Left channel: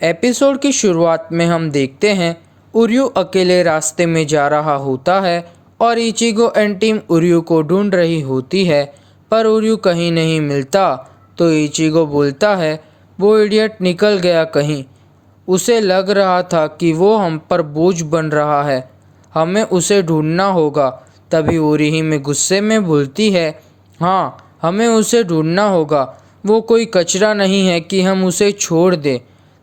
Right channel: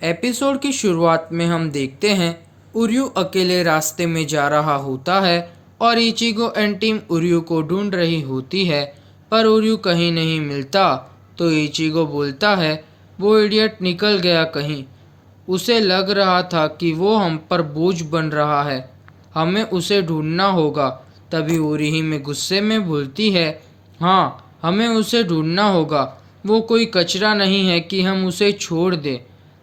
Episode की शुरुआत में हम देखते हैं उर्यू अकेले रास्ते में जा रहा होता है और इचिगो एंड टीम उर्यू को ढूंढ रही होती है, पर उर्यू कहीं नहीं मिलता। तो इचिगो बोलता है वो इडियट निकल गया कहीं। उसे लग रहा था कि वो हम पर बोझ बन रहा है, हमें उसे ढूंढना होगा। तभी उरीही में गुस्से में बोलती है, हाँ हमें उसे ढूंढना होगा, वो कोई कचरा नहीं है कि हम उसे छोड़ दें।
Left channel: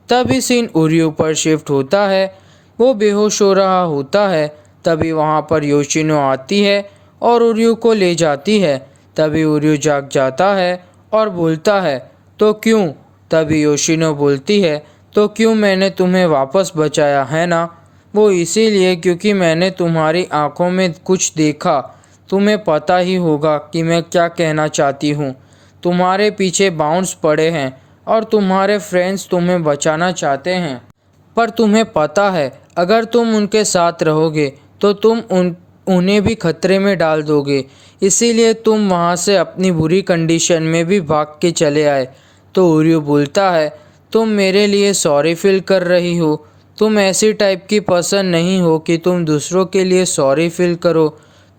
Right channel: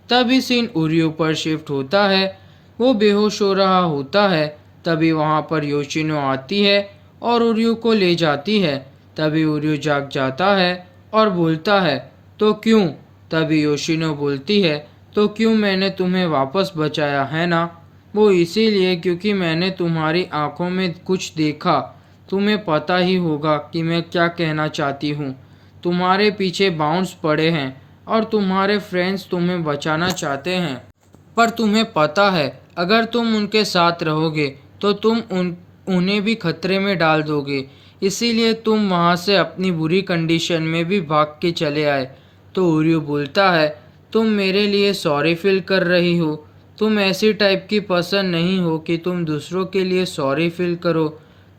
तभी सीन उर्यू पर शिफ्ट होता है, वो बेहोश हो रहा होता है। तभी वहाँ पर योशिनो आती है और उर्यू को ले जाती है। तभी उर्यू जाग जाता है और बोलता है तो क्यों। तभी योशिनो बोलती है तो क्यों, मैंने तुम्हें वापस बचाया है ना। वो इसीलिए क्योंकि मैंने तुम्हारी आंखों में कुछ देखा। तुम्हें पता ही होगा कि मैं क्या कहना चाहती हूँ। तुम्हारे पीछे बाउंस पड़े हैं और तुम्हारे फ्रेंड्स तुम्हें बचाना चाहते हैं, पर तुम्हें पता है अगर तुम उनके साथ रहोगे तो तुम उन्हें भी खतरे में डाल दोगे। इसीलिए तुम वहाँ से अपनी बुरी कंडीशन में भी भाग के चले आए। तो उर्यू बोलता है तुम मेरे लिए सॉरी फील कर रही हो, तुम ऐसी टाइप की पर्सन नहीं हो कि तुम दूसरों के लिए सॉरी फील करो।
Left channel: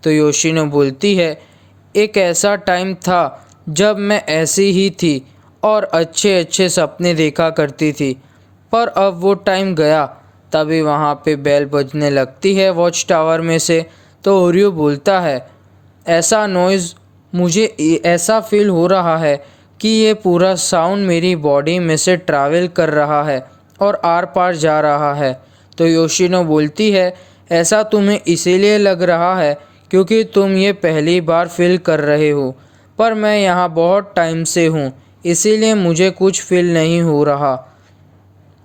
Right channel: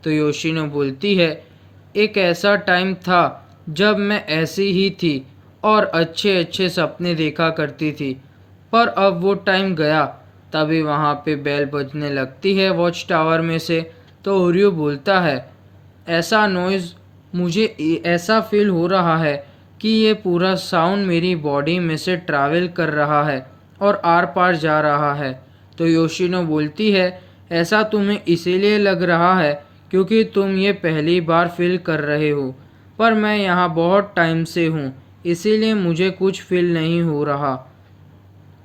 तो योशिनो बोलती है एक ऐसा टाइम था जब मैं ऐसी ही थी और अच्छे अच्छे सपने देखा करती थी, पर अब वो टाइम गया। तभी वहाँ पे बेल बजने लगती है वॉच टावर में से। तो ओरियो बोलता है ऐसा नॉइज़, मुझे ऐसा फील हो रहा है कि ये पूरा साउंड मेरी बॉडी में से ट्रैवल कर रहा है और आर पार जा रहा है। तो योशिनो बोलती है ऐसा तुम्हें इसीलिए लग रहा है क्योंकि तुम ये पहली बार फील कर रहे हो, पर मैं यहाँ बहुत टाइम से हूँ, इसीलिए मुझे कुछ फील नहीं हो रहा।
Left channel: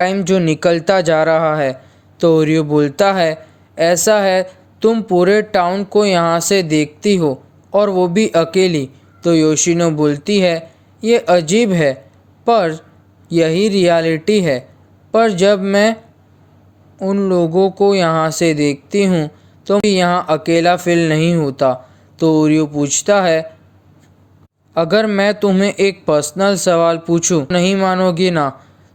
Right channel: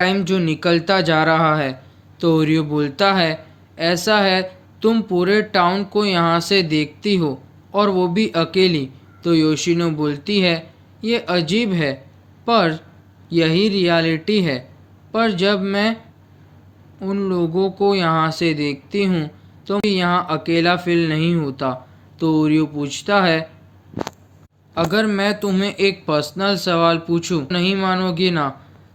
टाइम जो निकलता जा रहा है। तो ओरियो बोलता है ऐसा है, तुम पूरे टाउन को यहाँ से देखती हो और वो भी अकेली। तो योशिनो बोलती है ये अजीब है, पर यही रियलिटी है। पर जब मैं उन लोगों को यहाँ से देखती हूँ तो यहाँ अकेला फील नहीं होता। तो ओरियो पूछता है अगर मैं तुम्हें एक पर्सनल सवाल पूछूं, नहीं मानोगी ना।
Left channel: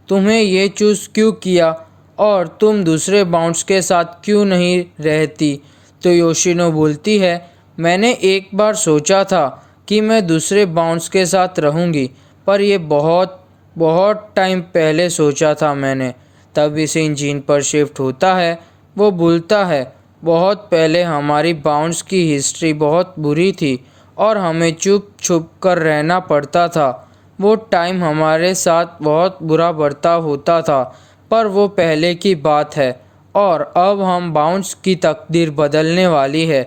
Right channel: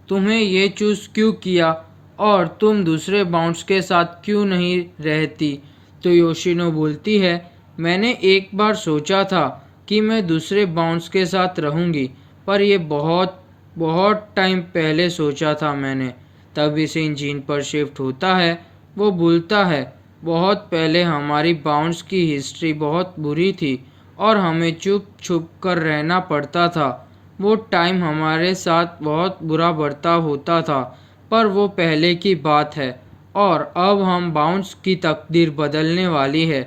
तुम्हें ये चूज़ क्यों किया और तुम दूसरे बाउंड्स के साथ क्यों नहीं रहती। तो योशिनो बोलती है मैंने एक बार सोचा था कि मैं दूसरे बाउंड्स के साथ रहूँगी, पर ये बहुत बहुत टाइम पहले सोचा था मैंने। तभी सीन जीन पर शिफ्ट होता है। वो बोलता है बहुत पहले हमारी बाउंड्स की हिस्ट्री बहुत बुरी थी और हमें चुप छुप कर रहना पड़ता था। वो टाइम हमारे साथ बहुत बुरा बर्ताव होता था, पर वो पहले की बात है और अब हम बाउंस की तकदीर बदलने वाली है।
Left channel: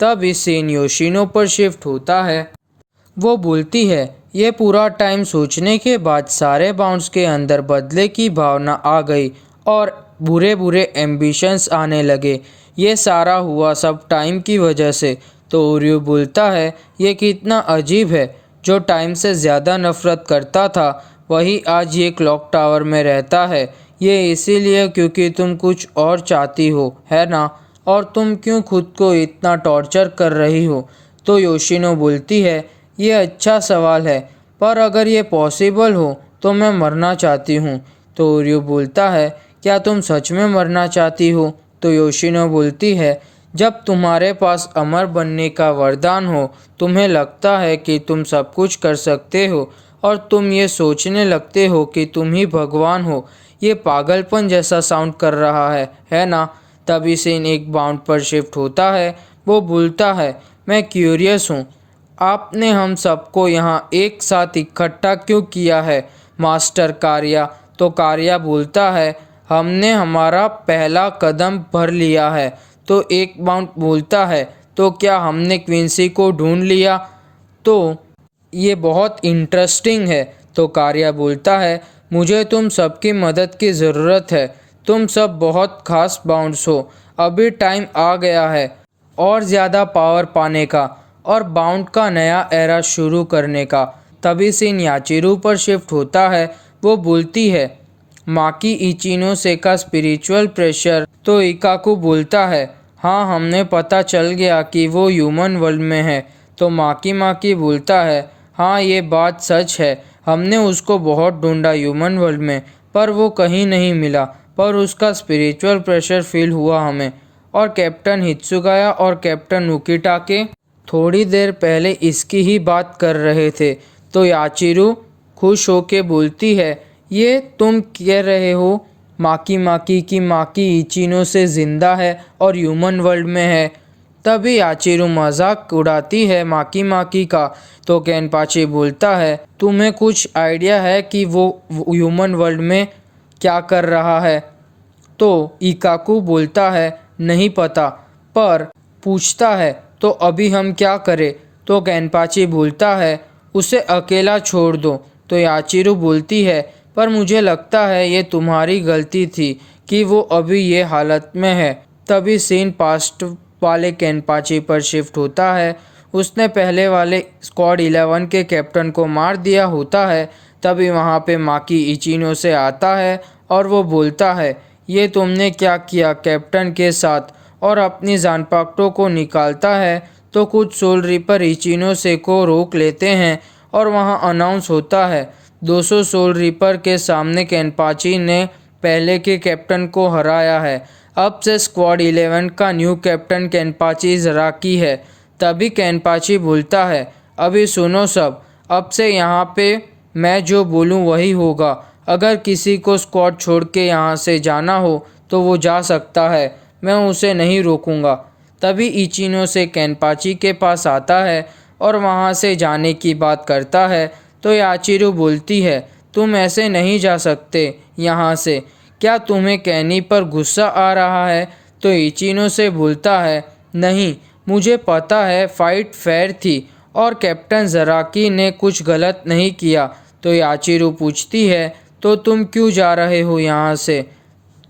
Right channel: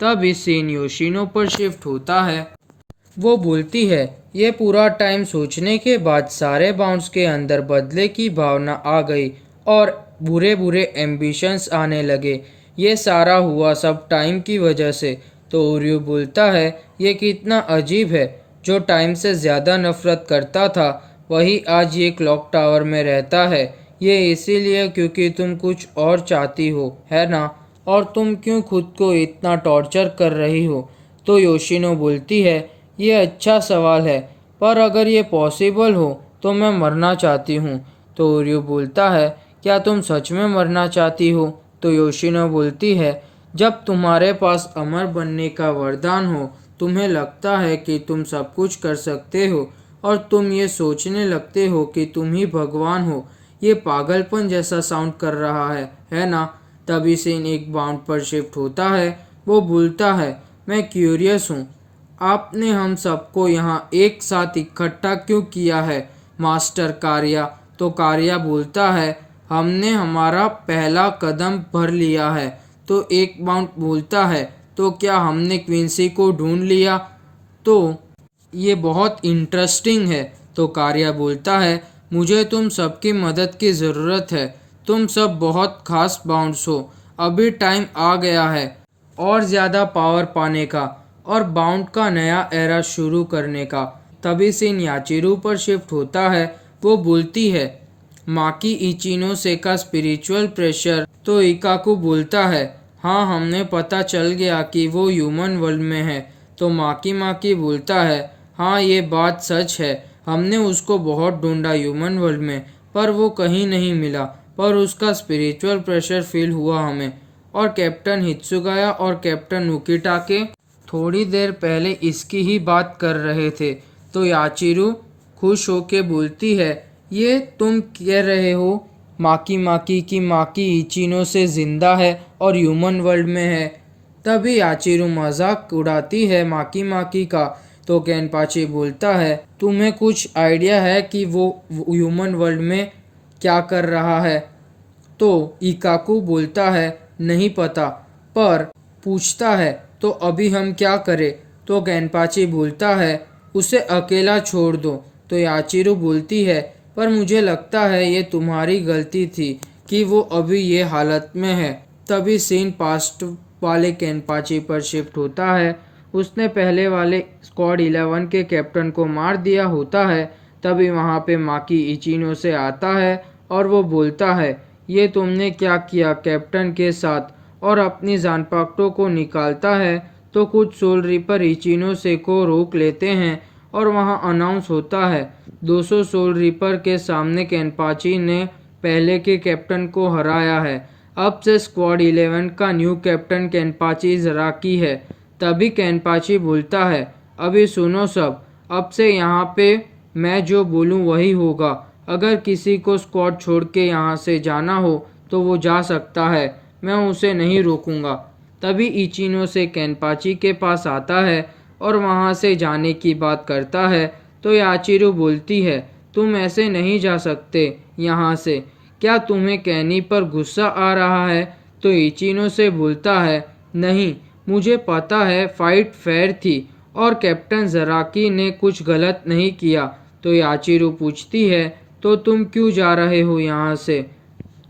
तब इस सीन योशिनो पर शिफ्ट होता है। वो बोलती है ये पूरा टाइम सोचने के बाद सारे बाउंस के अंदर बदले की भावना आ गई और बुरे बुरे एम्बिशंस आने लगे। ये सारा हुआ सब टाइम की वजह से। तो ओरियो बोलता है ये कितना अजीब है, जो टाइम से ज़्यादा नफरत करता था वही आज ये क्लॉक टावर में रहता है। ये इसीलिए क्योंकि तुम कुछ और चाहती हो, है ना। और तुम क्यों खुद को इतना टॉर्चर कर रही हो। तो योशिनो बोलती है ये अच्छा सवाल है, पर अगर ये पॉसिबल हो तो मैं मरना चाहती हूँ। तो ओरियो बोलता है क्या तुम सच में मरना चाहती हो। तो योशिनो बोलती है जब तुम्हारे पास अमर बनने का वरदान हो, तुम्हें लगता है कि तुम सब कुछ कर सकते हो और तुम ये सोचने लगते हो कि तुम ही भगवान हो। ये पागलपन जैसा साउंड कर रहा है ना। तभी सीन एक बाउंड पर शिफ्ट होता है। वो बोलता है मैं क्यूरियस हूँ, आपने हम सबको यहाँ एक साथ इकट्ठा क्यों किया है मास्टर कार्या। तो कार्या बोलता है हमने हमारा पहला कदम भर लिया है। तो एक बाउंड बोलता है तो क्या हमने क्विंसी को ढूंढ लिया। तो ये बहुत इंटरेस्टिंग है। तो कार्या बोलता है मुझे तुम सबकी मदद की ज़रूरत है, तुम सब बहुत खास बाउंड्स हो। अभी टाइम आ गया है और ज़्यादा पावर पाने का और बाउंड का नया एरा शुरू करने का। तभी सीन याचिरू पर शिफ्ट होता है। वो बोलती है माकी इचिनो से का स्पिरिचुअल प्रेशर। तो इकाकू बोलता है हाँ हमें पता चल गया कि वो ह्यूमन वर्ल्ड में है। तो माकी माकी बोलता है हाँ ये बात सच है, हमने उसको बहुत ढूंढा ह्यूमन वर्ल्ड में, पर वो कहीं नहीं मिला, पर उसका स्पिरिचुअल प्रेशर फील हुआ हमें। और कैप्टन हित्सुगाया और कैप्टन उकिटाके थोड़ी देर पहले इसकी ही बात कर रहे थे। तो याचिरू खुश होके बोलती है, ये तुम कह रहे हो माकी की माकी इचिनो से जिंदा है और ह्यूमन वर्ल्ड में है। तभी याचिरू मजाक उड़ाती है माकी का। तो केनपाची बोलता है, तुम्हें कुछ आइडिया है कि वो ह्यूमन वर्ल्ड में क्या कर रहा है? तो इकाकू बोलता है, नहीं पता, पर पूछता है तो अभी हम क्या करें? तो केनपाची बोलता है, उसे अकेला छोड़ दो। तो याचिरू बोलती है, पर मुझे लगता है ये तुम्हारी गलती थी कि वो अभी ये हालत में है। तभी सीन पास्ट वाले केनपाची पर शिफ्ट होता है। उसने पहले वाले स्क्वाड 11 के कैप्टन को मार दिया होता है। तभी वहाँ पे माकी इचिनो से आता है और वो बोलता है, ये तुमने क्या किया कैप्टन के साथ? और अपनी जानपाक्टो को निकालता है। तो कुछ सोल रिपर इचिनो से को रोक लेते हैं और वहाँ अनाउंस होता है, 200 सोल रिपर के सामने केनपाची ने पहले के कैप्टन को हराया है। अब से स्क्वाड 11 का न्यू कैप्टन केनपाची जराकी है। तभी केनपाची बोलता है, अभी सुनो सब, अब से यहाँ पे मैं जो बोलूँ वही होगा। अगर किसी को स्क्वाड छोड़ के यहाँ से जाना हो तो वो जा सकता है, मैं उसे नहीं रोकूंगा। तभी इचिनो से केनपाची के पास आता है और वहाँ से जाने की बात करता है। तो याचिरू बोलती है, तुम ऐसे नहीं जा सकते यहाँ से, क्या तुम्हें कैनी पर गुस्सा आ रहा है? तो इचिनो से बोलता है, नहीं, मुझे पता है फाइट फेयर थी और कैप्टन जराकी ने कुछ गलत नहीं किया। तो याचिरू पूछती है, तो तुम क्यों जा रहे हो यहाँ से?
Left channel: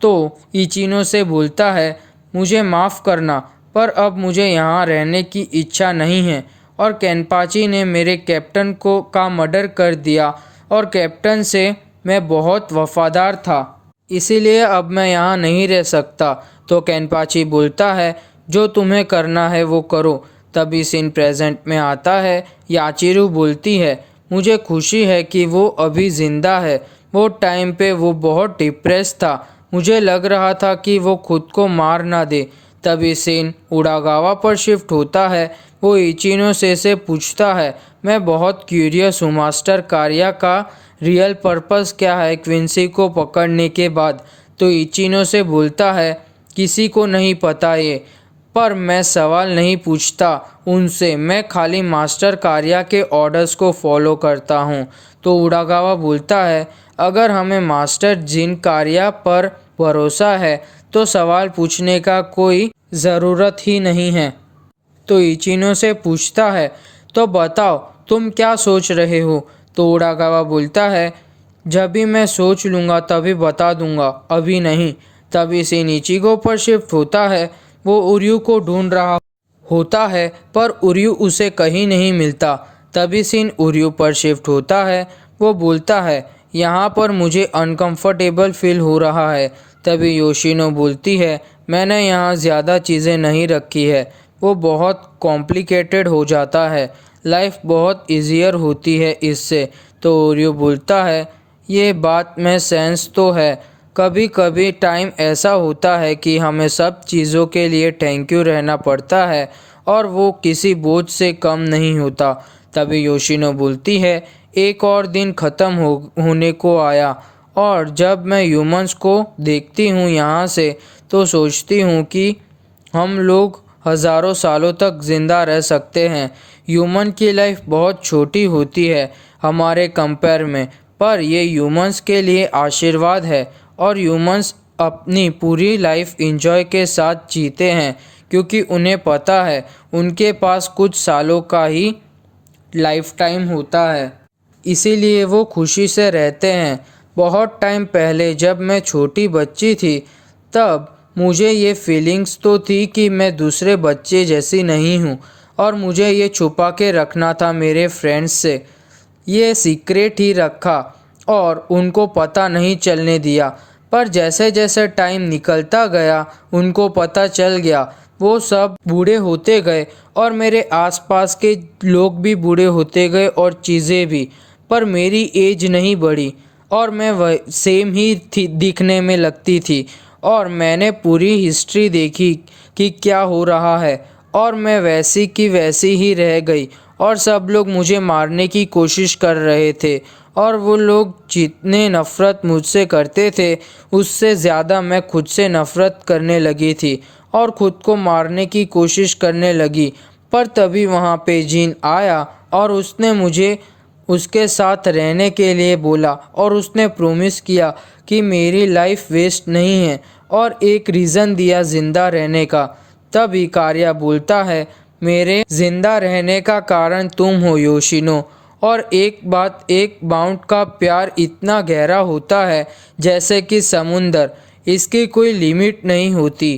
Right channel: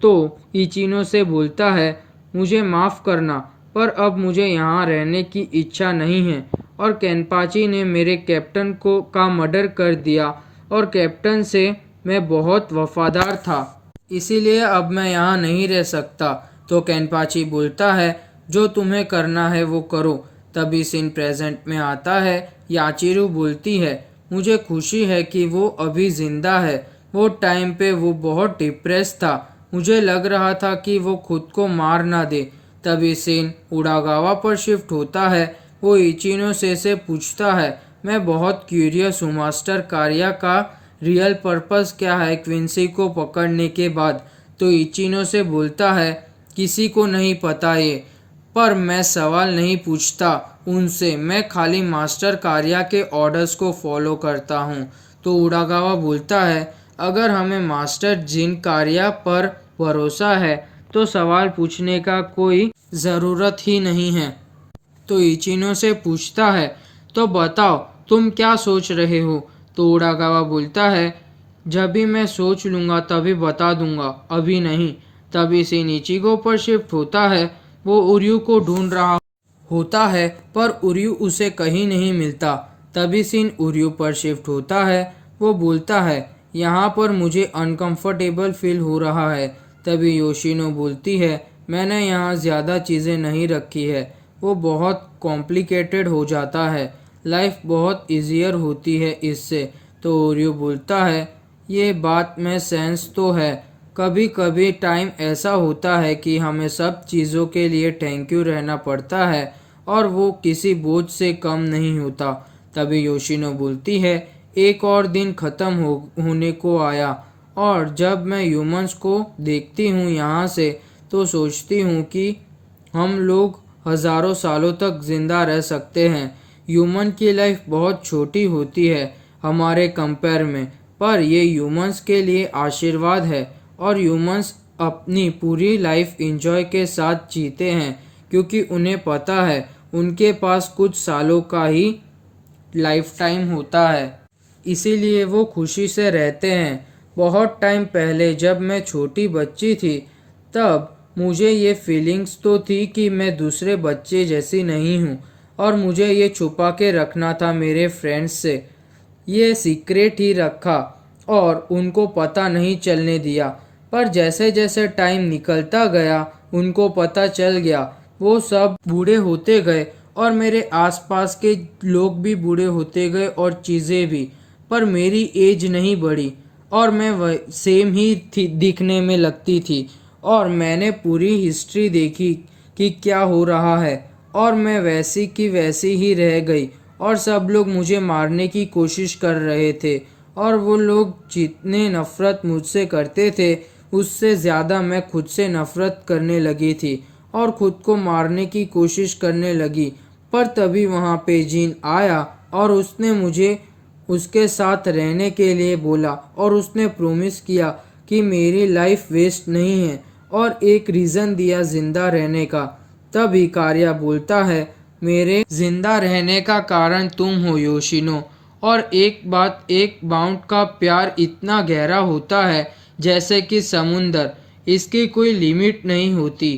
तो इचिनो से बोलता है, मुझे माफ़ करना, पर अब मुझे यहाँ रहने की इच्छा नहीं है और केनपाची ने मेरे कैप्टन को का मर्डर कर दिया और कैप्टन से मैं बहुत वफादार था, इसीलिए अब मैं यहाँ नहीं रह सकता। तो केनपाची बोलता है, जो तुम्हें करना है वो करो। तभी सीन प्रेजेंट में आता है। याचिरू बोलती है, मुझे खुशी है कि वो अभी ज़िंदा है। वो टाइम पे वो बहुत डिप्रेस था, मुझे लग रहा था कि वो खुद को मार ना दे। तभी सीन उडागावा पर शिफ्ट होता है। वो इचिनो से पूछता है, मैं बहुत क्यूरियस हूँ मास्टर कारिया का रियल पर्पस क्या है क्विंसी को पकड़ने के बाद? तो इचिनो से बोलता है, किसी को नहीं पता ये, पर मैं सवाल नहीं पूछता उनसे, मैं खाली मास्टर कारिया के ऑर्डर्स को फॉलो करता हूँ। तो उडागावा बोलता है, अगर हमें मास्टर जिन कारिया पर भरोसा है तो सवाल पूछने का कोई ज़रूरत ही नहीं है। तो इचिनो से पूछता है, तो बताओ तुम क्या सोच रहे हो? तो उडागावा बोलता है, जब भी मैं सोच लूँगा तभी बता दूंगा, अभी नहीं। तभी सीन इचिगो पर शिफ्ट होता है। वो उर्यू को ढूंढ रहा होता है पर उर्यू उसे कहीं नहीं मिलता। तभी सीन उर्यू पर शिफ्ट होता है। वो बोलता है, यहाँ पर मुझे अनकंफर्टेबल फील हो रहा है। तभी योशिनो बोलती है, मैंने यहाँ ज़्यादा चीज़ें नहीं रखी है, वो बहुत कॉम्प्लिकेटेड हो जाता है, लाइफ बहुत ईजियर होती है इससे। तो ओरियो बोलता है, ये बात में सेंस तो है, कभी कभी टाइम ऐसा होता है कि हमें सब चीज़ों के लिए थैंक यू रहना पड़ता है और वो किसी बोझ से कम नहीं होता। तभी योशिनो बोलती है, एक और दिन ख़त्म होने को आया और जब मैं ह्यूमंस को देखती हूँ यहाँ से तो सोचती हूँ कि हम लोग हज़ारों सालों तक ज़िंदा रह सकते हैं। ह्यूमन की लाइफ बहुत छोटी होती है हमारे कंपेयर में, पर ये ह्यूमंस के लिए आशीर्वाद है और ह्यूमंस अपनी पूरी लाइफ एंजॉय के साथ जीते हैं क्योंकि उन्हें पता है उनके पास कुछ सालों का ही लाइफ टाइम होता है, इसीलिए वो खुशी से रहते हैं। बहुत टाइम पहले जब मैं छोटी बच्ची थी तब मुझे ये फीलिंग्स तो थी कि मैं दूसरे बच्चे जैसी नहीं हूँ और मुझे ये छुपा के रखना था मेरे फ्रेंड्स से। ये सीक्रेट ही रखा और उनको पता नहीं चलने दिया, पर जैसे जैसे टाइम निकलता गया उनको पता चल गया। वो सब बूढ़े होते गए और मेरे आसपास के लोग भी बूढ़े होते गए और चीज़ें भी, पर मेरी एज नहीं बढ़ी। और मैं वह सेम ही थी दिखने में लगती थी। और मैंने पूरी हिस्ट्री देखी कि क्या हो रहा है, और मैं वैसी की वैसी ही रह गई। और सब लोग मुझे मारने की कोशिश कर रहे थे, और वो लोग जितने नफ़रत मुझसे करते थे उससे ज़्यादा मैं खुद से नफ़रत करने लगी थी और ख़ुद को मारने की कोशिश करने लगी। पर तभी वहाँ पे जीन आया और उसने मुझे उसके साथ रहने के लिए बोला, और उसने प्रॉमिस किया कि मेरी लाइफ वेस्ट नहीं है, और एक रीज़न दिया ज़िंदा रहने का। तब इकारिया बोलता है, मेरे ज़िंदा रहने का कारण तुम हो योशिनो। और एक बात, एक बाउंड का प्यार इतना गहरा होता है जैसे कि समुंदर, इसकी कोई लिमिट नहीं होती।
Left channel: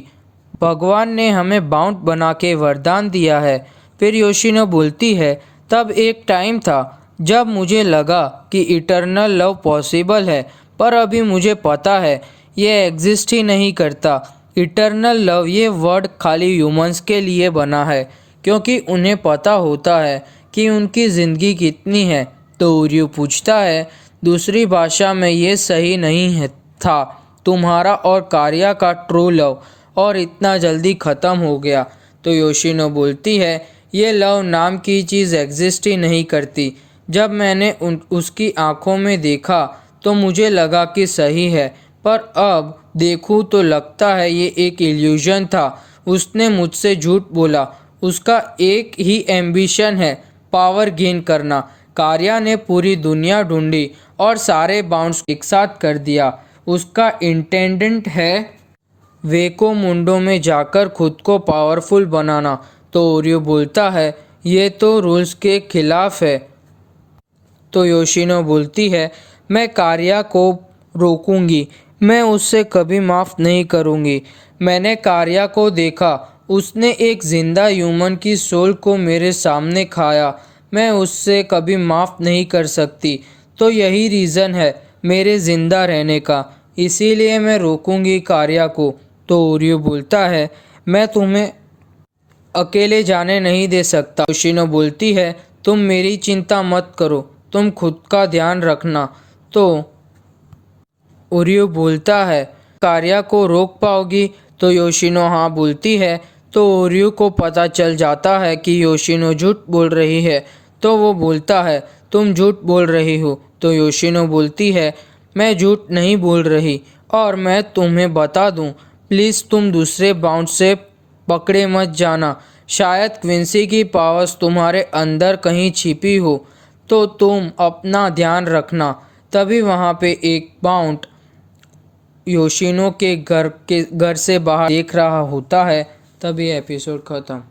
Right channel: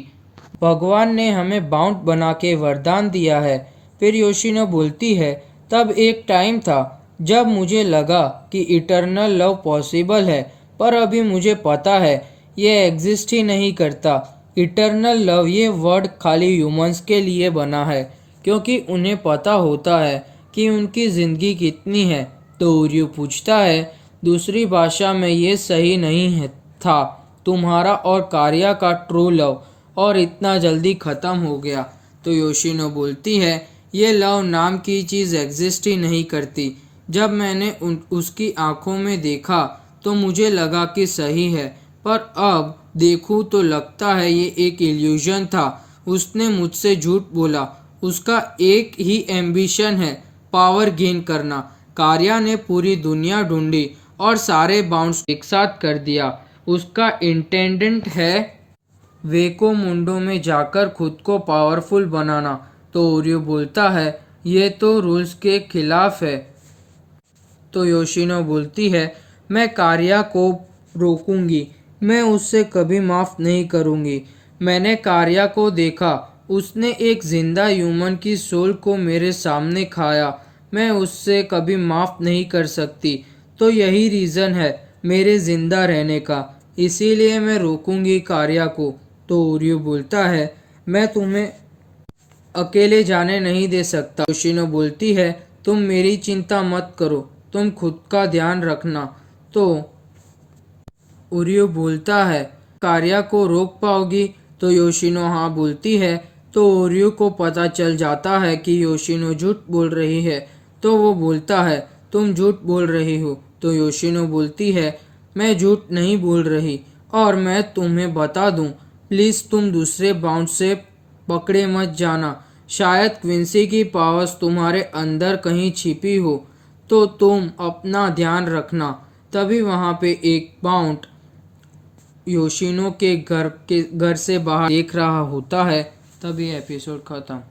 भगवान ने हमें बाउंड बना के वरदान दिया है। फिर योशिनो बोलती है, तब एक टाइम था जब मुझे लगा कि इटर्नल लव पॉसिबल है, पर अभी मुझे पता है ये एग्जिस्ट ही नहीं करता। इटर्नल लव ये वर्ड खाली ह्यूमंस के लिए बना है, क्योंकि उन्हें पता होता है कि उनकी ज़िंदगी कितनी है। तो उर्यू पूछता है, दूसरी भाषा में ये सही नहीं है था तुम्हारा और कारिया का ट्रू लव, और इतना जल्दी ख़त्म हो गया। तो योशिनो बोलती है, ये लव नाम की चीज़ एग्जिस्ट ही नहीं करती। जब मैंने उसकी आंखों में देखा तो मुझे लगा कि सही है, पर अब देखूं तो लगता है ये एक इल्यूजन था। उसने मुझसे झूठ बोला। उसका एक ही एम्बिशन है, पावर गेन करना। कारिया ने पूरी दुनिया ढूंढी और सारे बाउंड्स एक साथ कर दिया। उसका इंटेंडेंट है वेको मुंडो में जाकर खुद को पावरफुल बनाना। तो ओरियो बोलता है, ये तो रूल्स के खिलाफ है। तो योशिनो बोलती है, मैं कारिया को रोकूंगी, मैं उससे कभी माफ़ नहीं करूंगी। मैंने कारिया को देखा, उसने एक ज़िंदा ह्यूमन की सोल को मेरे सामने खाया। मैं उससे कभी माफ़ नहीं कर सकती। तो यही रीज़न है मेरे ज़िंदा रहने का, इसीलिए मैं रोकूंगी कारिया को। तो ओरियो बोलता है, मैं तुम्हें अकेले जाने नहीं दे सकता। योशिनो बोलती है, तुम मेरी चिंता मत करो, तुम खुद का ध्यान रखना। तो ओरियो बोलता है, कारिया को रोक पाओगी? तो योशिनो हाँ बोलती है। तो ओरियो को पता चल जाता है कि योशिनो झूठ बोल रही है। तो वो बोलता है, तुम झूठ बोल रही हो। तो योशिनो बोलती है, मैं झूठ नहीं बोल रही, और मैं तुम्हें बता दूं, प्लीज़ तुम दूसरे बाउंड से पकड़े मत जाना। शायद क्विंसी की पावर्स तुम्हारे अंदर कहीं छिपी हो, तो तुम अपना ध्यान रखना। तभी वहाँ पे एक बाउंड योशिनो के घर से बाहर देख रहा होता है। तभी एपिसोड ख़त्म।